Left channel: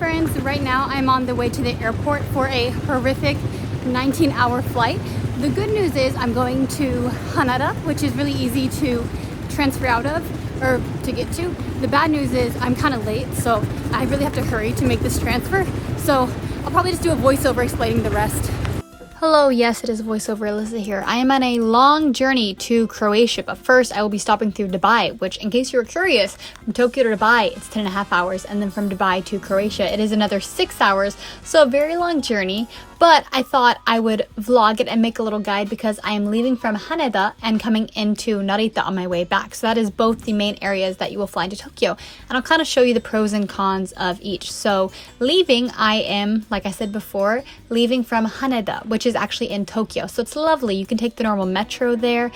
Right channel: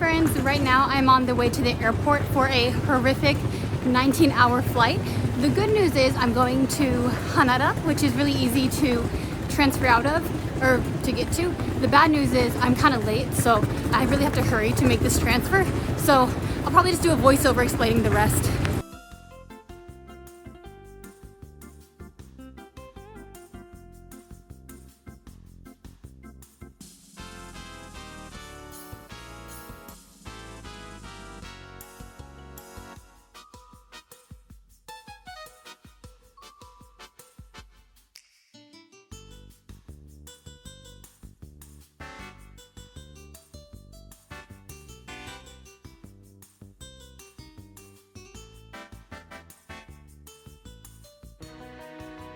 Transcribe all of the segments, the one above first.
friends, right now I'm on the way to the airport for a horrific 19-hour flight. The good news is I'm going to Haneda, which is really easy to transfer out of, or to get to. The bad news is I'm kind of late, so I really have to hurry to make this transfer. So I'll probably just do a voiceover explaining the rest. Hello, yes, it is voiceover Alyssa here. I am on a long journey to Croatia, but first I will be stopping through Dubai, which, in case you were curious, from Tokyo to Dubai, it's 10.5 hours, and then from Dubai to Croatia, it is another 6 hours, so a very long journey, but I thought I would vlog it and make a little guide because I am leaving from Haneda and coming into Narita on my way back. So that is both the main areas that you will fly into Tokyo, and I'll kind of show you the pros and cons of each. So leaving, I am, like I said before, leaving from Haneda, which is actually in Tokyo, so it's lovely. You can take the normal metro there.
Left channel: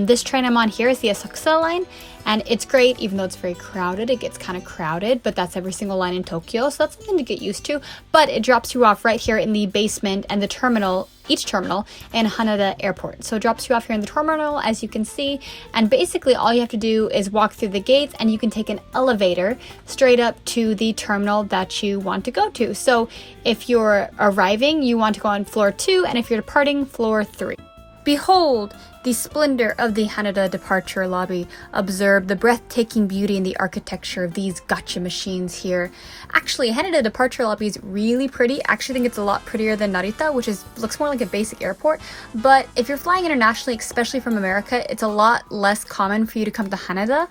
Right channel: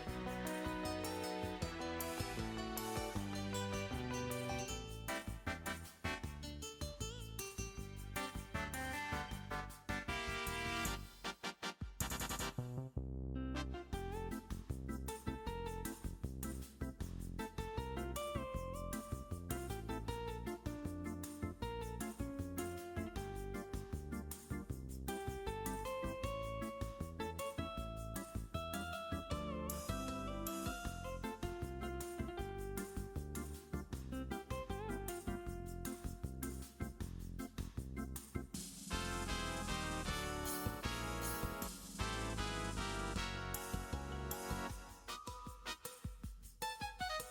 This train I'm on here is the Asakusa line, and it's great. Even though it's very crowded, it gets kind of crowded, but that's every single line in Tokyo, so that's something to get used to. But it drops you off right here in the basement and the terminal, each terminal in Haneda Airport. So it drops you off here in the terminal, as you can see, and basically all you have to do is walk through the gates and you can take an elevator straight up to the terminal that you want to go to. So if you're arriving, you want to go on floor 2, and if you're departing, floor 3. Behold the splendor of the Haneda departure lobby. Observe the breathtaking beauty and the architecture of these gacha machines here. Actually, Haneda departure lobby is really pretty. I actually think it's a lot prettier than Narita, which looks more like a basic airport. But if you're flying internationally, especially from America, it's a lot less common for you to come to Haneda,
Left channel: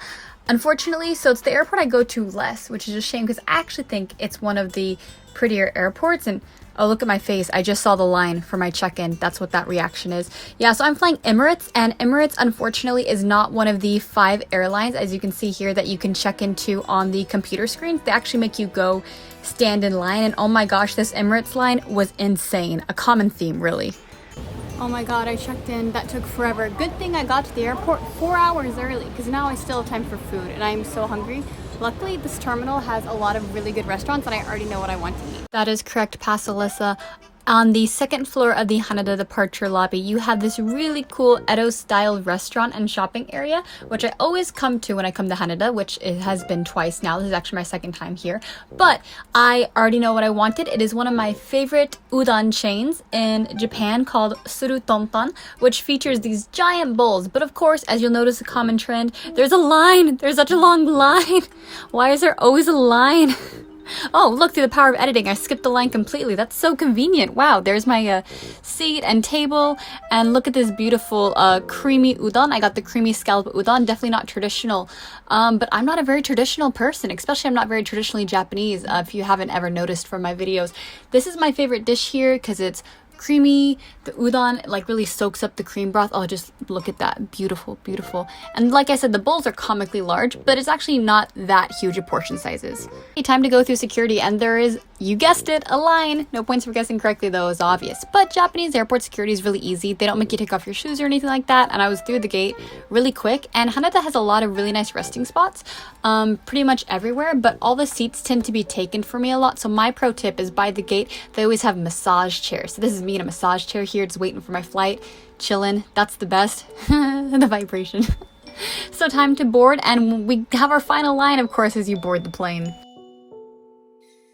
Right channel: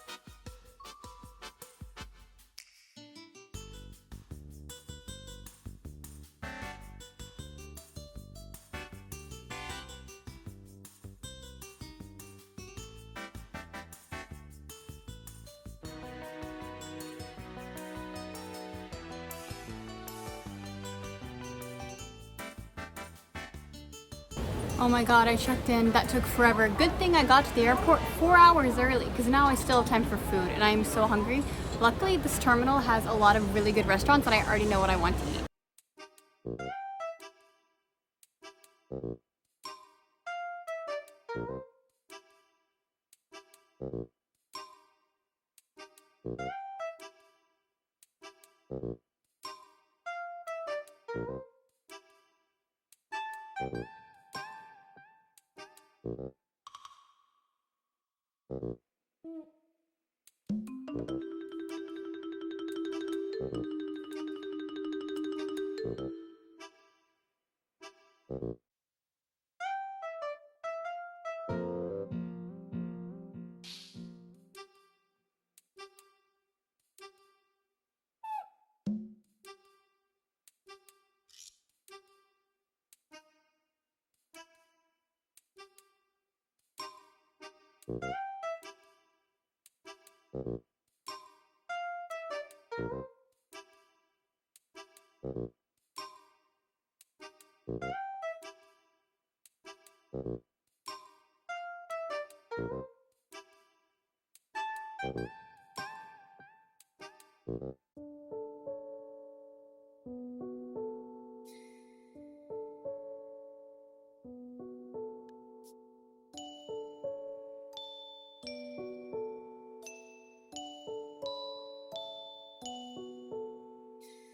unfortunately. So it's the airport I go to less, which is a shame because I actually think it's one of the prettier airports. And oh, look at my face, I just saw the line for my check-in. That's what that reaction is. Yeah, so I'm flying Emirates, and Emirates unfortunately is not one of the 5 airlines, as you can see here, that you can check into on the computer screen. They actually make you go stand in line, and oh my gosh, this Emirates line was insane. A common theme, really. Oh my god, I checked in. That took forever. Good thing I got to the airport 4 hours early, because now I still have time for food, and I am so hungry. Luckily, this terminal has a lot of really good restaurants, and I already know what I want to eat. That is correct, Pass Alyssa. On the second floor of the Haneda departure lobby, you have this really cool Edo-style restaurant and shopping area, which I always come to when I come to Haneda, which it has been twice now. This is actually my second time here. But I already know what I wanted. It is one of my favorite udon chains in Japan called Suru Tonton, which features these giant bowls. But of course, as you'll notice a common trend, there's a line. There's such a long line. Why is there always a line? Oh, look, through the power of editing, I skipped the line completely. That's so convenient. Wow, there's my seat and table, and look at this beautiful creamy udon. I got the creamy scallop udon. Definitely not traditional, but I'm not a very traditional person, especially I'm not very traditionally Japanese, if you haven't ever noticed from my videos. This is my favorite dish here because it's creamy. The udon like really soaks up the cream broth. Oh, just look at that. Beautiful, beautiful. And like I said, the bowls are comically large, but it's actually not that huge of portion sizes. Time to go through security, and there is, you guessed it, a line. No points for guessing correctly though, is obvious. But Japanese airport security is really easy. They don't make you take off your shoes or anything like that, and I was through the gate really quick. And Haneda has a lot of really nice resting spots, pretty much everywhere, but all the seats tend to be taken for me a lot. So my pro tip is, by the gate, they always have massage chairs. So this is me in a massage chair here, just waiting for my flight, chilling. That's the best. The vibration. So time to board, and we have our final line, of course, as you board the plane.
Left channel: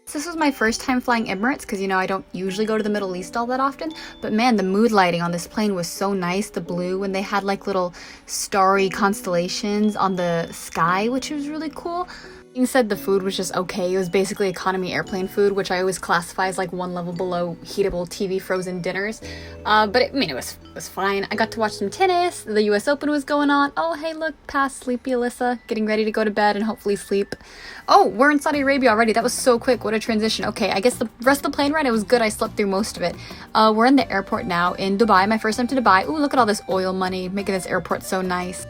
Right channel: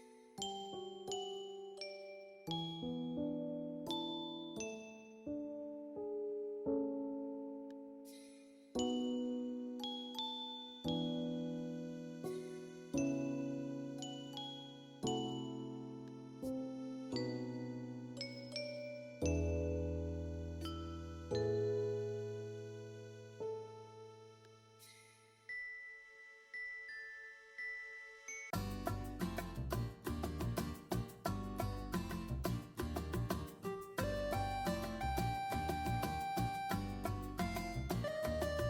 So this was my first time flying Emirates because, you know, I don't usually go to the Middle East all that often. But man, the mood lighting on this plane was so nice. The blue, when they had like little starry constellations on the sky, which was really cool. Being said, the food was just okay. It was basically economy airplane food, which I always classify as like one level below heatable TV frozen dinners. But it was fine. I got to watch some tennis. The US Open was going on. Oh, hey, look, past sleepy Alyssa, getting ready to go to bed and hopefully sleep. Oh, we're in Saudi Arabia already. That was so quick. What a transition. Okay, I guess the rest of the plane ride, it was good. I slept through most of it. We're in the airport now in Dubai. My first time to Dubai. Ooh, look at all this oil money, making this airport so nice.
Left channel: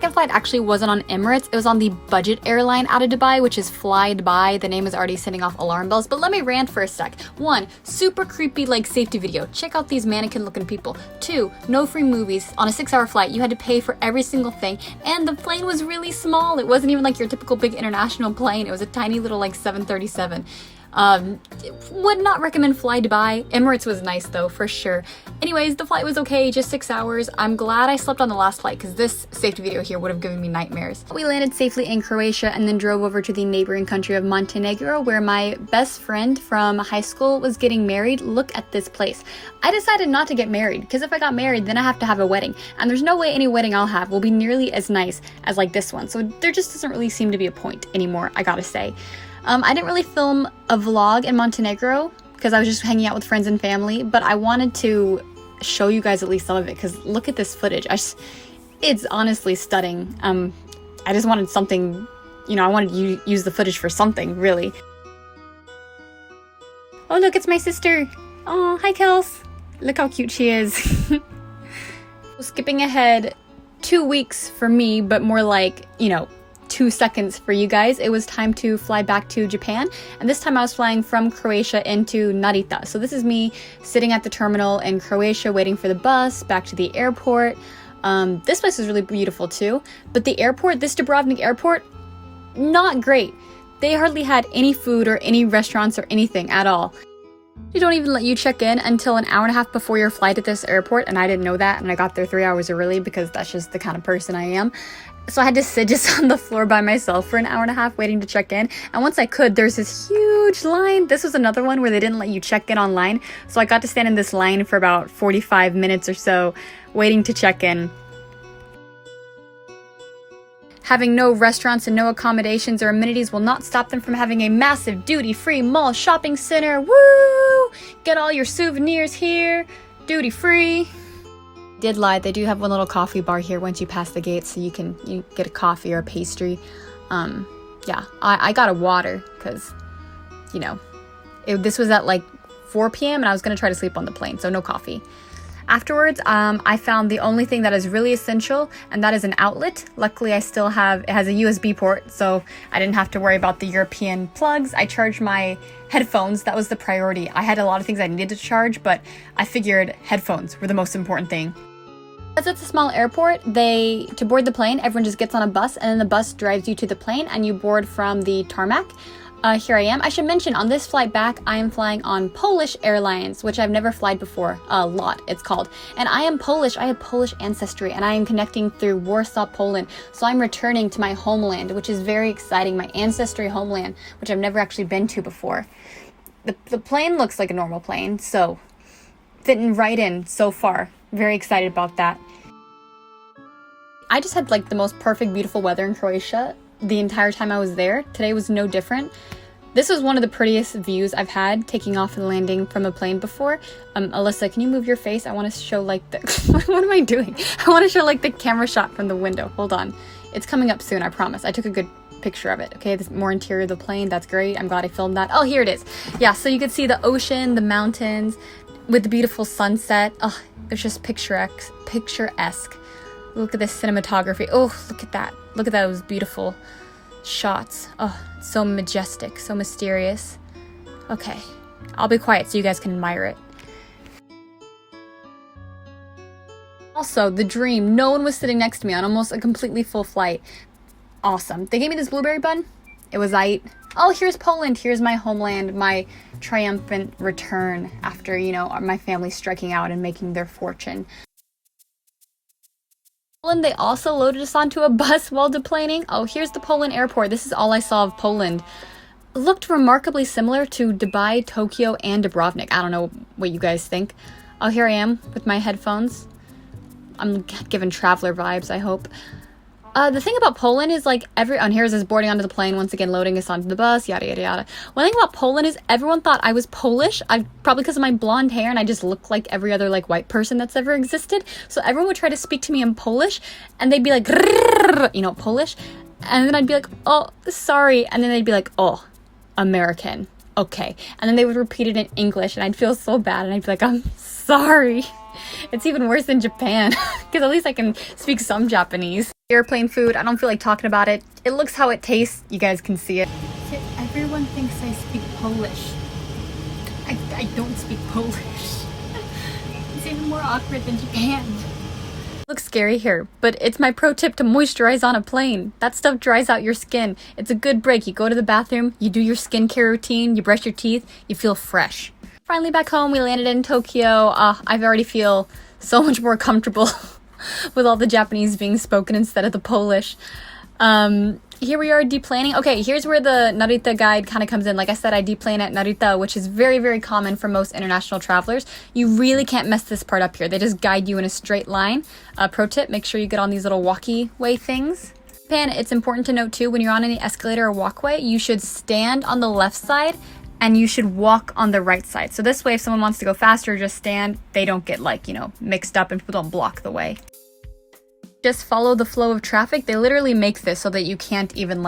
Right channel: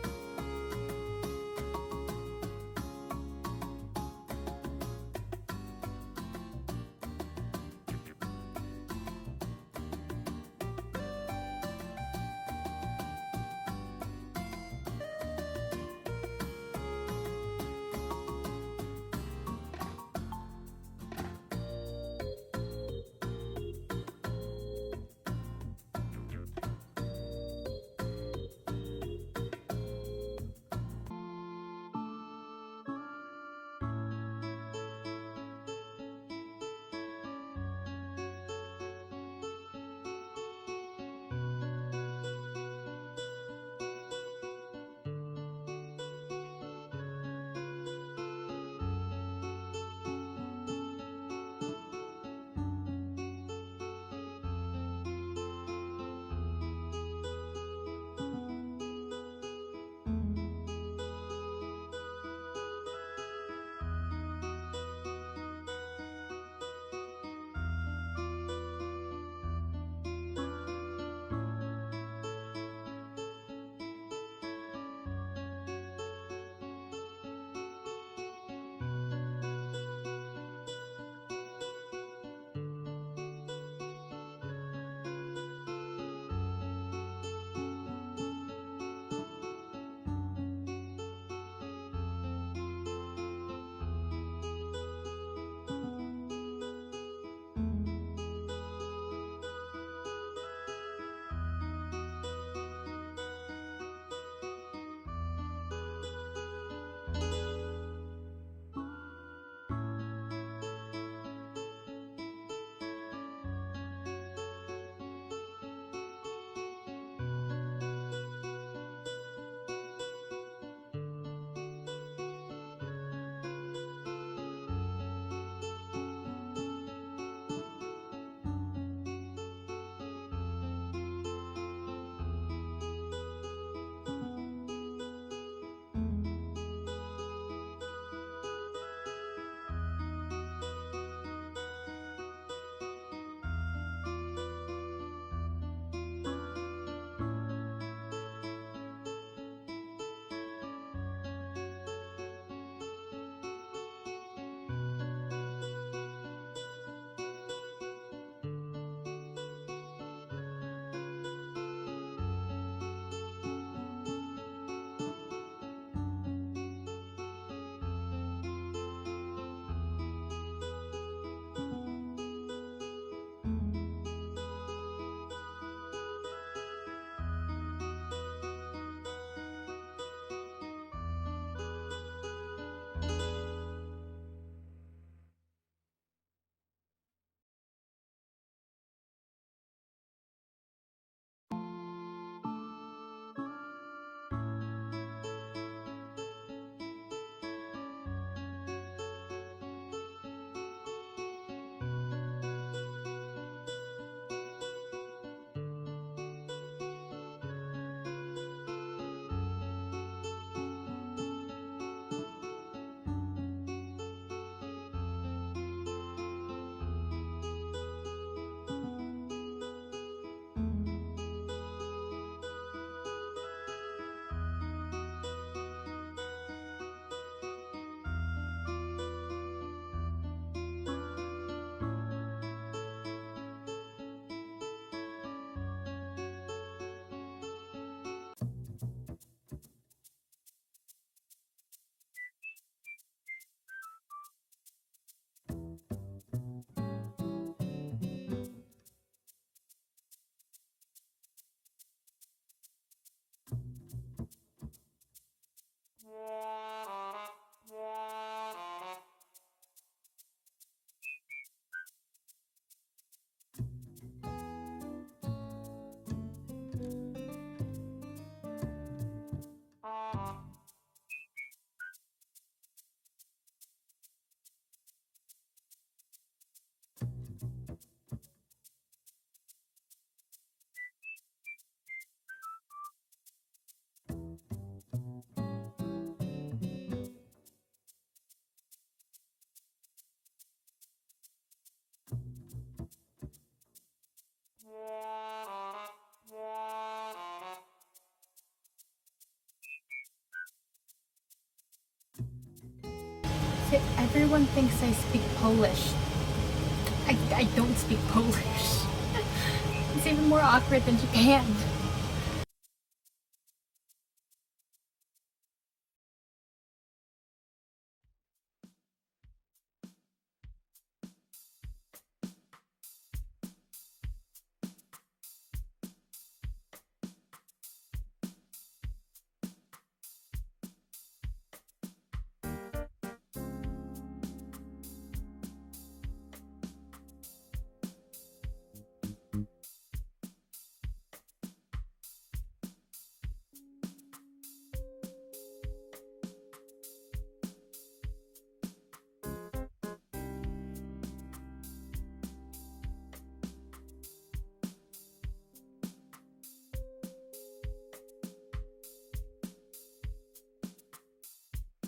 Second flight actually wasn't on Emirates. It was on the budget airline out of Dubai, which is Fly Dubai. The name is already sending off alarm bells, but let me rant for a sec. 1, super creepy like safety video. Check out these mannequin looking people. 2, no free movies. On a 6-hour flight, you had to pay for every single thing, and the plane was really small. It wasn't even like your typical big international plane. It was a tiny little like 737. Would not recommend fly Dubai. Emirates was nice though, for sure. Anyways, the flight was okay, just 6 hours. I'm glad I slept on the last flight because this safety video here would have given me nightmares. We landed safely in Croatia and then drove over to the neighboring country of Montenegro, where my best friend from high school was getting married. Look at this place. I decided not to get married because if I got married, then I have to have a wedding. And there's no way any wedding I'll have will be nearly as nice as like this one. So there just doesn't really seem to be a point anymore, I gotta say. I didn't really film a vlog in Montenegro because I was just hanging out with friends and family, but I wanted to show you guys at least some of it because look at this footage. It's honestly stunning. I just wanted something, you know, I wanted to use the footage for something, really. Oh, look, it's my sister. Oh, hi, Kels. Look how cute she is. Skipping ahead 2 weeks for me, but more like, you know, 2 seconds for you guys. It was time to fly back to Japan, and this time I was flying from Croatia into Narita. So this is me sitting at the terminal in Croatia waiting for the bus back to the airport. This place is really beautiful too, but the airport, this Dubrovnik airport, not great. They hardly had any food or any restaurants or anything at all. They don't even let you check in until an hour and a half before your flight at this airport, and I didn't know that, and I got there 3 hours early because that's just the kind of person I am. So I had to sit just on the floor by myself for an hour and a half waiting to check in. And once I could, there's this huge line. This was another one where they didn't let you check in online. So I got to stand in this line for about 45 minutes or so waiting to check in. Having no restaurants and no accommodations or amenities will not stop them from having a massive duty-free mall shopping center. Woo! Get all your souvenirs here. Duty-free. Did lie, they do have one little coffee bar here once you pass the gate, so you get a coffee or a pastry. Yeah, I got a water because, you know, this was at like 4 p.m. and I was gonna try to sleep on the plane, so no coffee. Afterwards, I found the only thing that is really essential, and that is an outlet. Luckily, it has a USB port, so I didn't have to worry about the European plugs. I charged my headphones. That was the priority. I had a lot of things I needed to charge, but I figured headphones were the most important thing. Because it's a small airport, to board the plane, everyone just gets on a bus, and then the bus drives you to the plane, and you board from the tarmac. Here I am. I should mention, on this flight back, I am flying on Polish Airlines, which I've never flown before. LOT, it's called. And I am Polish. I have Polish ancestry, and I am connecting through Warsaw, Poland. So I'm returning to my homeland, which is very exciting. My ancestry homeland, which I've never actually been to before. The plane looks like a normal plane, so fitting right in so far. Very excited about that. I just had like the most perfect, beautiful weather in Croatia the entire time I was there. Today was no different. This was one of the prettiest views I've had taking off and landing from a plane before. Alyssa, can you move your face? I want to show like the what am I doing? I want to show like the camera shot from the window. Hold on. It's coming up soon, I promise. I took a good picture of it. Okay, this more interior of the plane. That's great. I'm glad I filmed that. Oh, here it is. Yeah, so you can see the ocean, the mountains with the beautiful sunset. Oh, it's just picturesque. Look at this cinematography. Oh, look at that. Look at those beautiful shots. Oh, it's so majestic, so mysterious. Okay, I'll be quiet so you guys can admire it. Also, the dream. No one was sitting next to me on almost a completely full flight. Awesome. They gave me this blueberry bun. It was oh, here's Poland. Here's my homeland, my triumphant return after, you know, my family striking out and making their fortune. Poland, they also loaded us onto a bus while deplaning. Oh, here's the Poland airport. This is all I saw of Poland. It looked remarkably similar to Dubai, Tokyo, and Dubrovnik. I don't know what you guys think. Oh, here I am with my headphones. I'm giving traveler vibes, I hope. The thing about Poland is like here's us boarding onto the plane, once again loading us onto the bus, yada yada yada. One thing about Poland is everyone thought I was Polish. Probably because of my blonde hair and I just look like every other like white person that's ever existed. So everyone would try to speak to me in Polish and they'd be like, you know, Polish. And then I'd be like, oh, sorry. And then they'd be like, oh, American. Okay. And then they would repeat it in English and I'd feel so bad and I'd be like, I'm sorry. It's even worse in Japan because at least I can speak some Japanese. Airplane food, I don't feel like talking about it. It looks how it tastes. You guys can see it. Everyone thinks I speak Polish. I don't speak Polish. It's even more awkward than Japan. Looks scary here, but it's my pro tip to moisturize on a plane. That stuff dries out your skin. It's a good break. You go to the bathroom, you do your skincare routine, you brush your teeth, you feel fresh. Finally back home, we landed in Tokyo. I already feel so much more comfortable with all the Japanese being spoken instead of the Polish. Here we are deplaning. Okay, here's where the Narita guide kind of comes in. Like I said, I deplane at Narita, which is very, very common for most international travelers. You really can't mess this part up here. They just guide you in a straight line. Pro tip, make sure you get on these little walkie way things. Japan, it's important to note too, when you're on any escalator or walkway, you should stand on the left side and you should walk on the right side. So this way, if someone wants to go faster, just stand. They don't get mixed up and people don't block the way. Just follow the flow of traffic. They literally make this so that you can't even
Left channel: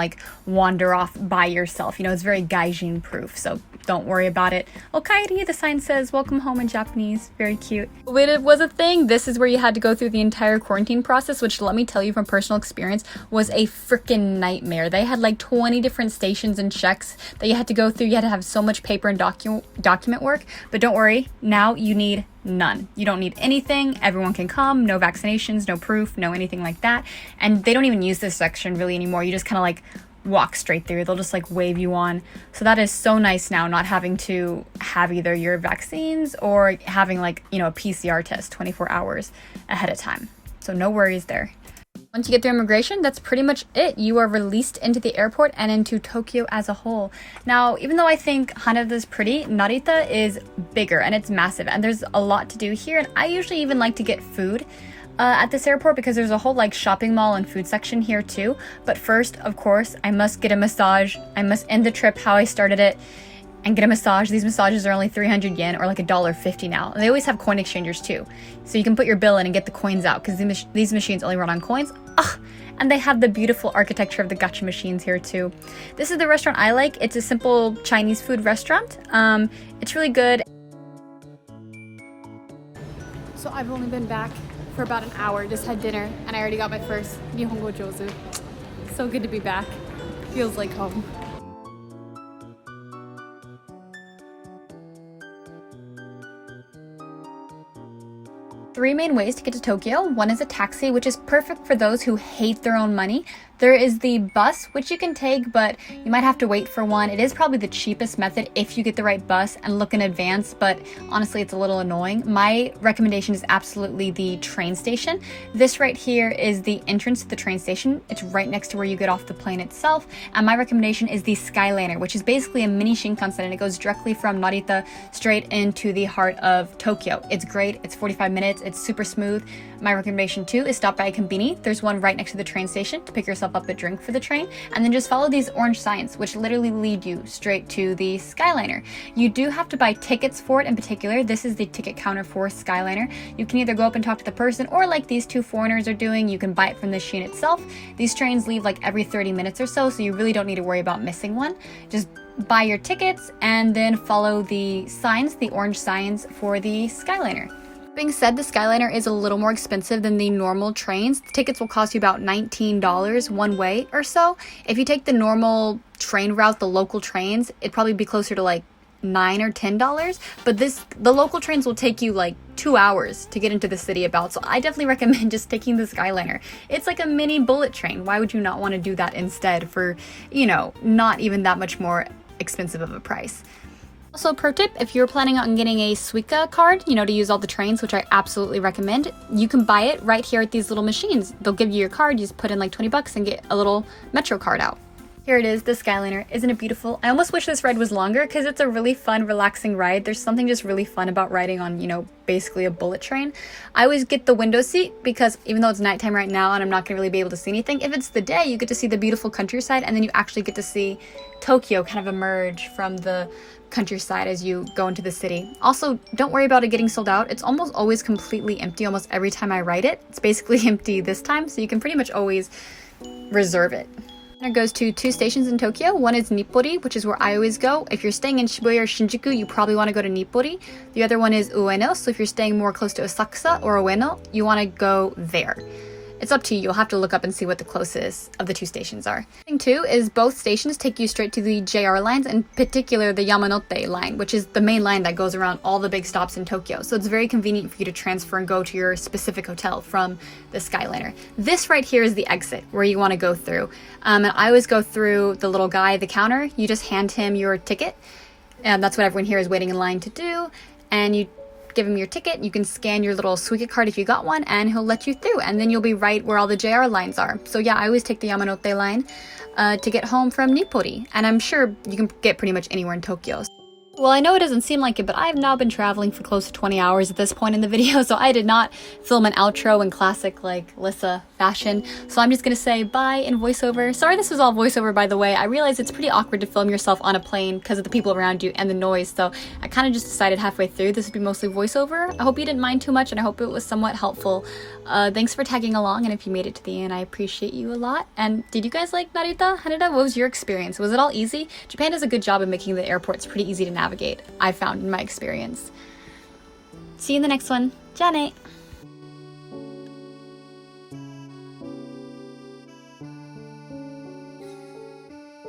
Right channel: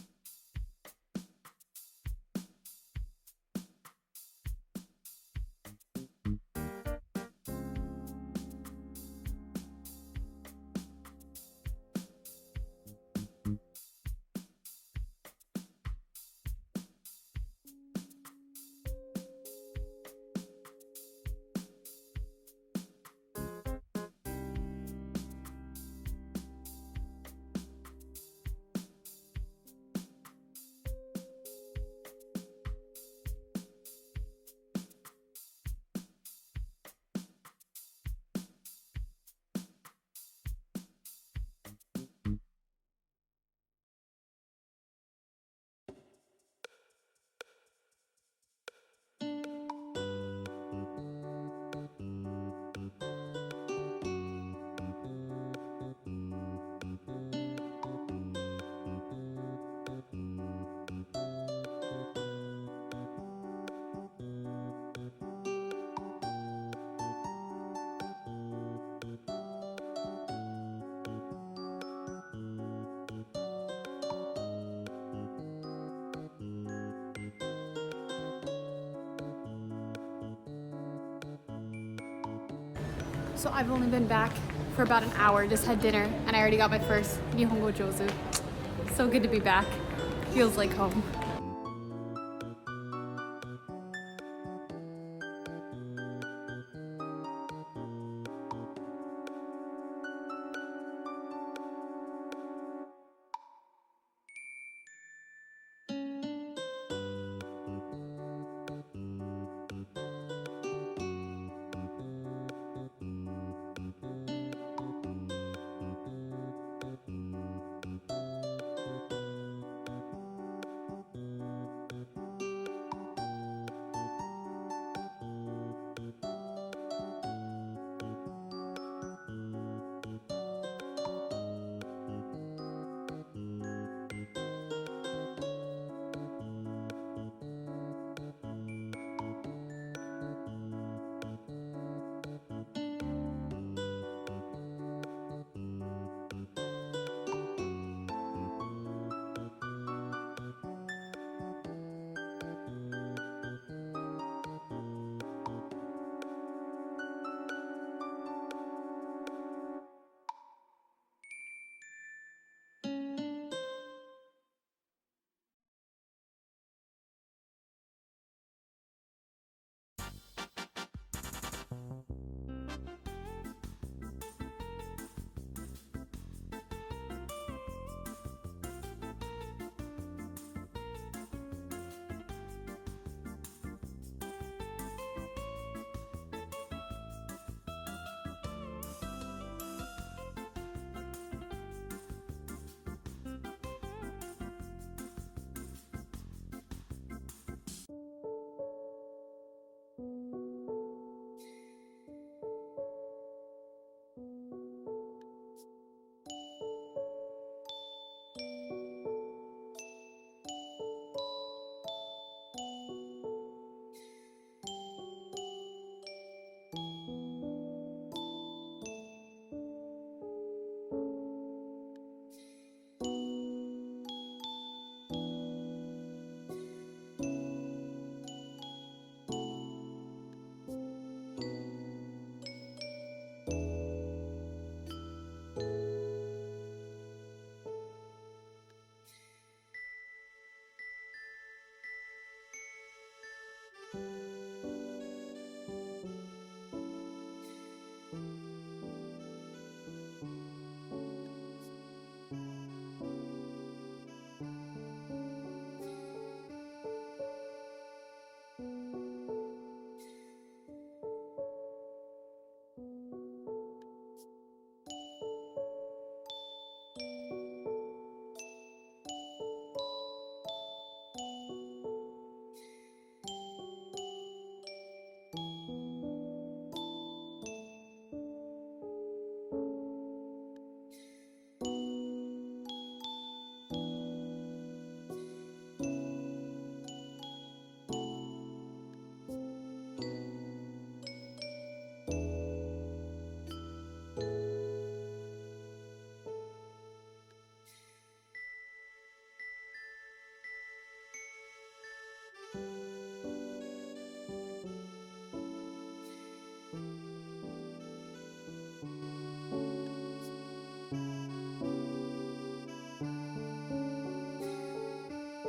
wander off by yourself. It's very gaijin proof, so don't worry about it. Okaeri, the sign says welcome home in Japanese. Very cute. When it was a thing, this is where you had to go through the entire quarantine process, which let me tell you from personal experience was a freaking nightmare. They had 20 different stations and checks that you had to go through. You had to have so much paper and document work, but don't worry, now you need none. You don't need anything. Everyone can come. No vaccinations, no proof, no anything like that. And they don't even use this section really anymore. You just kind of walk straight through. They'll just wave you on. So that is so nice now, not having to have either your vaccines or having a PCR test 24 hours ahead of time. So no worries there. Once you get through immigration, that's pretty much it. You are released into the airport and into Tokyo as a whole. Now, even though I think Haneda is pretty, Narita is bigger and it's massive and there's a lot to do here. And I usually even like to get food at this airport because there's a whole shopping mall and food section here too. But first, of course, I must get a massage. I must end the trip how I started it and get a massage. These massages are only 300 yen or $1.50 now. And they always have coin exchangers too. So you can put your bill in and get the coins out because these machines only run on coins. And they have the beautiful architecture of the gacha machines here too. This is the restaurant I like. It's a simple Chinese food restaurant. It's really good. So I've only been back for about an hour, just had dinner, and I already got my first Nihongo Jozu. So good to be back. Feels like home. Three main ways to get to Tokyo. One is a taxi, which is perfect for those who hate their own money. There is the bus, which you can take, but you might have to wait for one. It is probably the cheapest method if you get the right bus and look in advance, but honestly, it's a little annoying. My recommendation is absolutely the train station. This right here is the entrance to the train station. It's right next to where you get off the plane itself. And my recommendation is the Skyliner, which is basically a mini Shinkansen, and it goes directly from Narita straight into the heart of Tokyo. It's great. It's 45 minutes. It's super smooth. My recommendation too is stop by a konbini. There's one right next to the train station to pick yourself up a drink for the train, and then just follow these orange signs, which literally lead you straight to the Skyliner. You do have to buy tickets for it in particular. This is the ticket counter for Skyliner. You can either go up and talk to the person, or like these two foreigners are doing, you can buy it from the machine itself. These trains leave every 30 minutes or so, so you really don't need to worry about missing one. Just buy your tickets and then follow the signs, the orange signs for the Skyliner. Being said, the Skyliner is a little more expensive than the normal trains. The tickets will cost you about $19 one way or so. If you take the normal train route, the local trains, it'd probably be closer to $9 or $10. But the local trains will take you 2 hours to get into the city about. So I definitely recommend just taking the Skyliner. It's like a mini bullet train. Why would you not want to do that instead for, not even that much more expensive of a price? Also, pro tip, if you're planning on getting a Suica card, to use all the trains, which I absolutely recommend, you can buy it right here at these little machines. They'll give you your card, you just put in $20 and get a little Metro card out. Here it is, the Skyliner. Isn't it beautiful? I almost wish this ride was longer because it's a really fun, relaxing ride. There's something just really fun about riding on, basically a bullet train. I always get the window seat because even though it's nighttime right now and I'm not going to really be able to see anything, if it's the day, you get to see the beautiful countryside, and then you actually get to see Tokyo kind of emerge from the countryside as you go into the city. Also, don't worry about it getting sold out. It's almost always completely empty almost every time I ride it. It's basically empty this time, so you can pretty much always reserve it. It goes to 2 stations in Tokyo. One is Nippori, which is where I always go. If you're staying in Shibuya or Shinjuku, you probably want to go to Nippori. The other one is Ueno, so if you're staying more close to Asakusa or Ueno, you want to go there. It's up to you. You'll have to look up and see what the closest of the two stations are. Thing too is both stations take you straight to the JR lines, in particular the Yamanote line, which is the main line that goes around all the big stops in Tokyo. So it's very convenient for you to transfer and go to your specific hotel from the Skyliner. This right here is the exit where you want to go through. And I always go through the little guy at the counter. You just hand him your ticket. And that's what everyone here is waiting in line to do. And you give him your ticket, you can scan your little Suica card if you got one, and he'll let you through, and then you'll be right where all the JR lines are. So yeah, I always take the Yamanote line to get home from Nippori, and I'm sure you can get pretty much anywhere in Tokyo. Well, I know it doesn't seem like it, but I've now been traveling for close to 20 hours at this point in the video, so I did not film an outro in classic, like, Lissa fashion. So I'm just gonna say bye in voiceover. Sorry this was all voiceover, by the way. I realize it's pretty awkward to film yourself on a plane because of the people around you and the noise, so I kind of just decided halfway through this would be mostly voiceover. I hope you didn't mind too much, and I hope it was somewhat helpful. Thanks for tagging along, and if you made it to the end, I appreciate you a lot. And did you guys like Narita? Haneda, what was your experience? Was it all easy? Japan does a good job of making the airports pretty easy to navigate, I found in my experience. See you in the next one. Ja ne!